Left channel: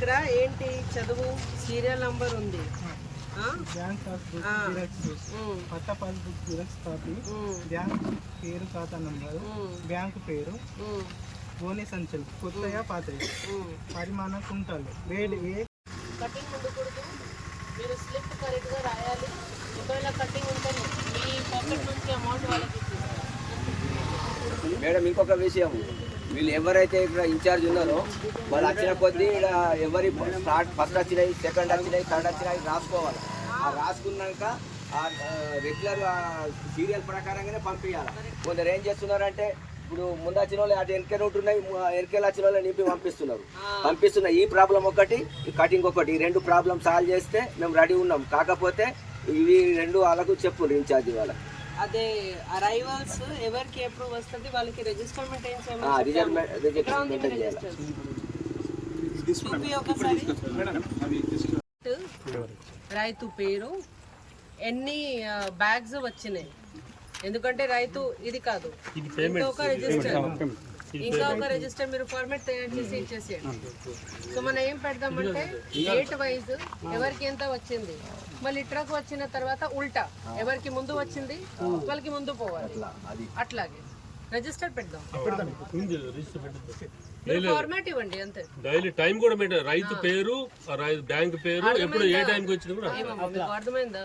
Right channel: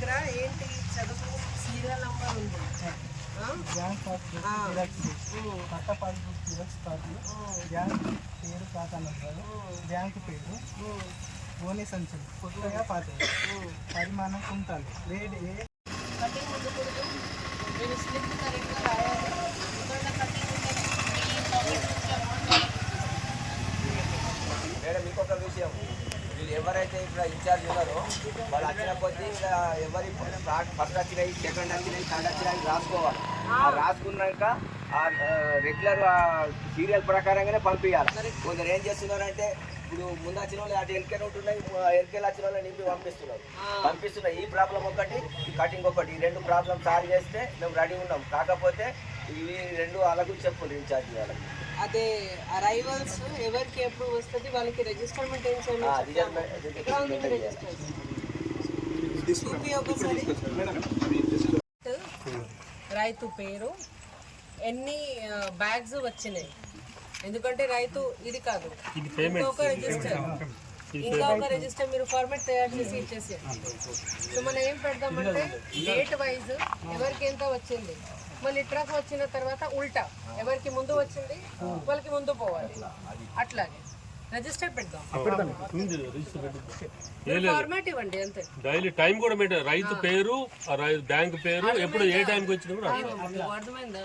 దగ్గర ఏంటి చదువు? సీరియల్ నంబర్ ఉంది. ఆ? Bank passbook. జిరాక్స్ ఉమ్, పట్ట పాస్బుక్ జిరాక్స్ కాపీ బ్యాంక్ పేరు ఖాతా నంబరు. బ్యాంకు పేరు. గోనె సంచులు కొత్తగా పాతవి. పరిమాణం కుంటాలు. గ్రేడ్ ఏ కటింగ్ ఉండకూడదు. మీరు స్లిప్ కరెక్ట్గా రాయాలి. ఒకవేళ కటింగ్ ఉంటేనే మీ పాకెట్ నుంచి అమౌంట్ వాళ్ళకి మేడం ఇంకొక విషయం. వీళ్ళు ఎవరైతే ఇక్కడ ఇన్ఛార్జ్ ఉన్నారో వాళ్ళు వచ్చిన కొద్దీ ఇక్కడ ఎవరి ఫస్ట్ వచ్చినాయి సెకండ్ వచ్చినాయి థర్డ్ వచ్చినాయి రాసుకోవాలి. ఆ రాసుకున్నాక ఆ రెగ్యులర్ సీరియల్ ప్రకారంగానే పంపించాలి కొందరు ఏం చేస్తున్నారంటే ఇప్పుడు ముందు వచ్చిన వాళ్ళు అటు ఎల్కే రూట్ ఉన్నాయి ఎల్కేలు వచ్చిన వాళ్ళని నింపి పంపిస్తున్నారు. పంపిస్తున్న ఈ ప్రాబ్లం ఒకటి కటింగ్ ఒకటి ఈ రెండు ప్రాబ్లం సాల్వ్ చేస్తే మేము రెడీ ఉన్నాం. కాకపోతే ఇవి రెండు వాళ్ళకు చెప్పు ఇన్ఛార్జి వాళ్ళకి. అదే అరైవల్స్ ఎవరికి అప్రూవ్ వస్తుంది వాళ్ళకి రిజిస్టర్మెంట్ ఏం చేయమని ఒకసారి. రైతు పేరు. ఎన్ని బ్యాగ్స్ వచ్చినాయి? ఎందుకంటే రైతు ఇది కాదు. ఇంకొక రిజిస్టర్ ఇంకా ఒక రిజిస్టర్ మీరు ఫార్మాట్ తయారు చేసి ఇచ్చేసేయండి. సో మనం ఏం పెడదామంటే డేట్ వైజ్ ఎవరికి ఎంత వచ్చింది? మళ్ళీ ట్రక్ వచ్చిన తర్వాత ఉల్టా. ఎవరికి ముందు వచ్చింది? వాళ్ళకి ముందు పోవాలి. అట్లాగే. రిజిస్టర్ పెడదాం. ఫార్మాట్ ఇవ్వండి అంతే. డైలీ టైం కూడా రైతు పేరు బ్యాంక్ పేరు ఎప్పుడు ఏ టైంకి వచ్చినా కూడా అర్థమైందా?